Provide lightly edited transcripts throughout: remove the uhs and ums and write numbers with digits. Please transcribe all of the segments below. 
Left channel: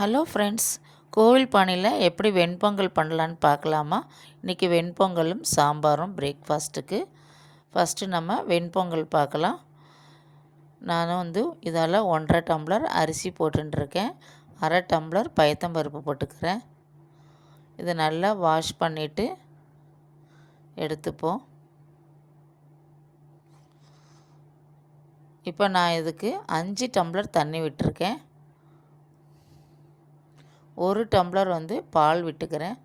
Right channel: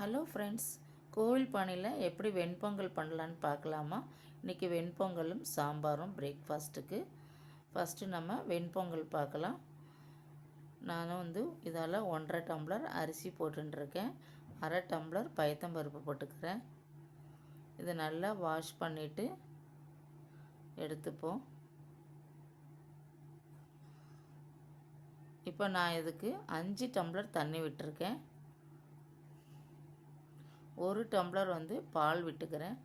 Hello friends, கோவில் பானையில் எப்படி வெண்பொங்கல் பண்ணலான்னு பார்க்கலாமா? இன்றைக்கி வெண்பொங்கலும் சாம்பாரும் பிரேக்ஃபாஸ்ட்டுக்கு. ஃபஸ்ட்டு நம்ம வெண்பொங்கல் பார்க்கலாம். நான் இதால் 1.5 டம்ளர் அரிசி போட்டுருக்கேன். 1/2 டம்ளர் பயத்தம்பருப்பு போட்டுக்கிறேன். இதை நல்லா வாஷ் பண்ணிவிட்டு எடுத்துப்போம். இப்போ நான் இதுக்கு 5 டம்ளர் தண்ணி விட்டுருக்கேன். 1 டம்ளர் பால் விட்டுக்கிறேன்.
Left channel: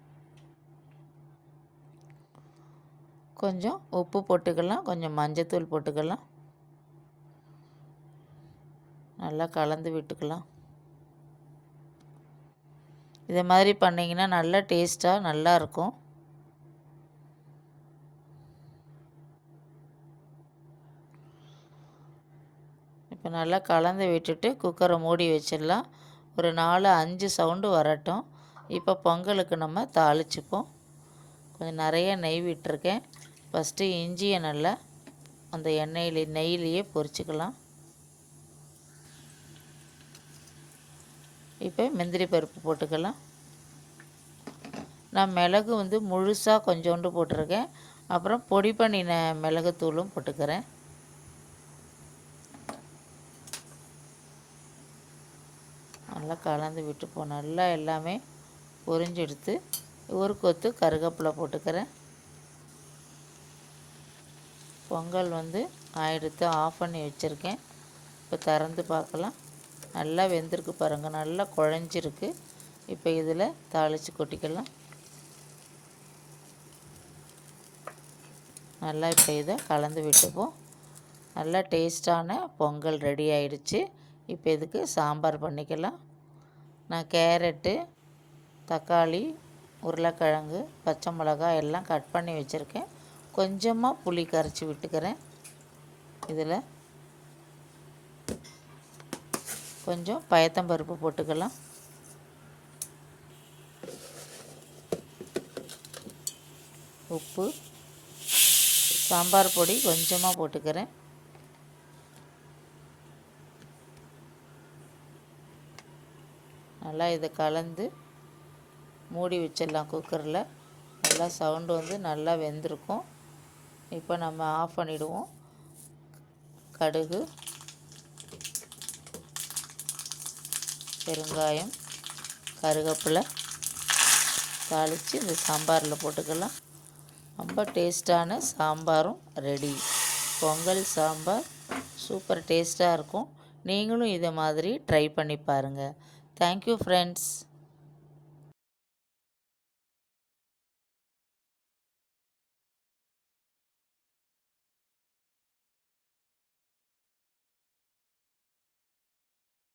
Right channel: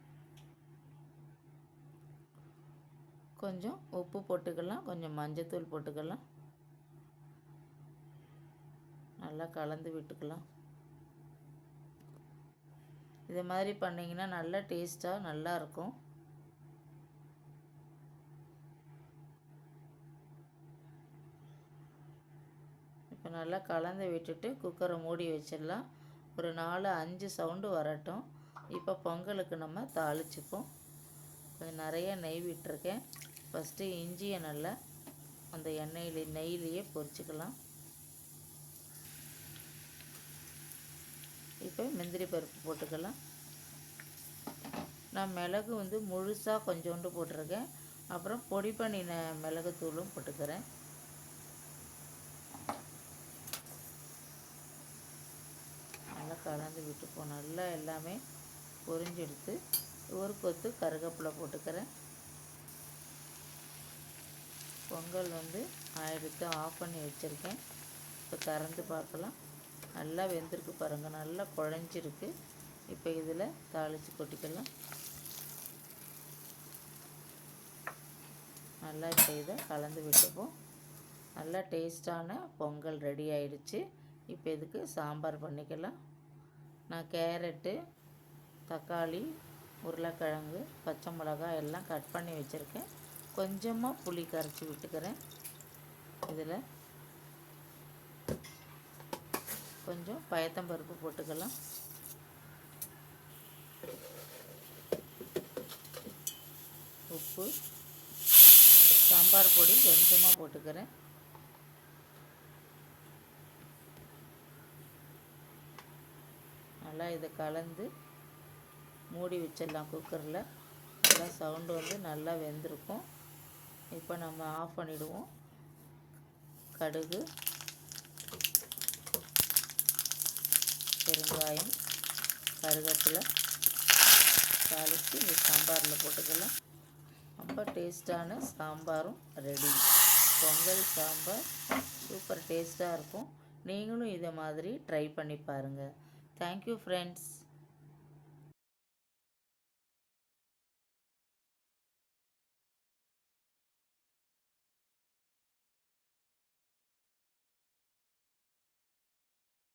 கொஞ்சம் உப்பு போட்டுக்கலாம், கொஞ்சம் மஞ்சத்தூள் போட்டுக்கலாம். நல்லா கலந்து விட்டுக்கலாம். இதை மாதிரி பண்ணிங்கன்னா நல்லா டேஸ்ட்டாக நல்லாயிருக்கும். இப்போ நல்லா கலந்து விட்டுட்டு குக்கரை மூடி வச்சிடலாம். ஒரு 4-5 சவுண்டு வரட்டும். இப்போ பொங்கலுக்கு நம்ம தாளிச்சுப்போம். கொஞ்சம் நிறைய நெய் விட்டுருக்கேன். ஃபஸ்ட்டு இஞ்சியை நல்லா அந்த நெய்யிலேயே பொரிச்சுக்கலாம். இப்போ முந்திரி பருப்பு போட்டுக்கலாம். நான் மிளகு முழுசாக கொஞ்சோண்டு போட்டிருக்கேன். அப்புறம் பொடி பண்ணின மிளகுத்தூளும் போட்டுக்கிறேன். நல்லா கலந்து விட்டுப்போம். நல்லா எல்லாமே பொரிஞ்செடுத்து ஒரு கொத்து கருவேப்பிலை போட்டுக்கிறேன். பொங்கல் ஆயிடுத்து, ஆஃப் பண்ணி வச்சுருக்கேன். இப்போ திறந்து பார்க்கலாம். நல்லா வெந்திருக்கு பாருங்கள், நல்லா குழஞ்சிருக்கு. இப்போ இதில் தாளித்து கொட்டிக்கலாம். நல்லா இப்போ இதை கலந்து விட்டுப்போம். நல்லா டேஸ்டான பொங்கல் ரெடி ஆயிடுச்சு. இப்போ இதுக்கு சாம்பார் பண்ணிக்கலாம். நான் கேரட்டு, தக்காளி, உருளைக்கிழங்கு, பச்சை மிளகாய் எல்லாம் கட் பண்ணி வச்சுருக்கேன். கொஞ்சமாக புளி கரைச்சி விட்டுக்கிறேன். இதில் கொஞ்சம் பயத்தம்பருப்பு போட்டுக்கலாம். உப்பு, சாம்பார் பொடி கொஞ்சமாக போட்டுக்கிறேன். நல்லா இதை கலந்து மூடி வச்சிடலாம் குக்கரில். நல்லா சவுண்டு நல்லா வெந்திருக்கும். இப்போ நம்ம ஆஃப் பண்ணிவிடுவோம். கடுகு, பெருங்காயம், கருவேப்பிலை தாளித்து இந்த சாம்பாரில் போட்டுக்கலாம். ரொம்ப டேஸ்டான சாம்பாரும் ரெடி. பொங்கல் சாம்பார் சூப்பர் டேஸ்ட்டாக இருக்கும். நீங்களும் இதை மாதிரி ட்ரை பண்ணி பாருங்கள். Thank you friends.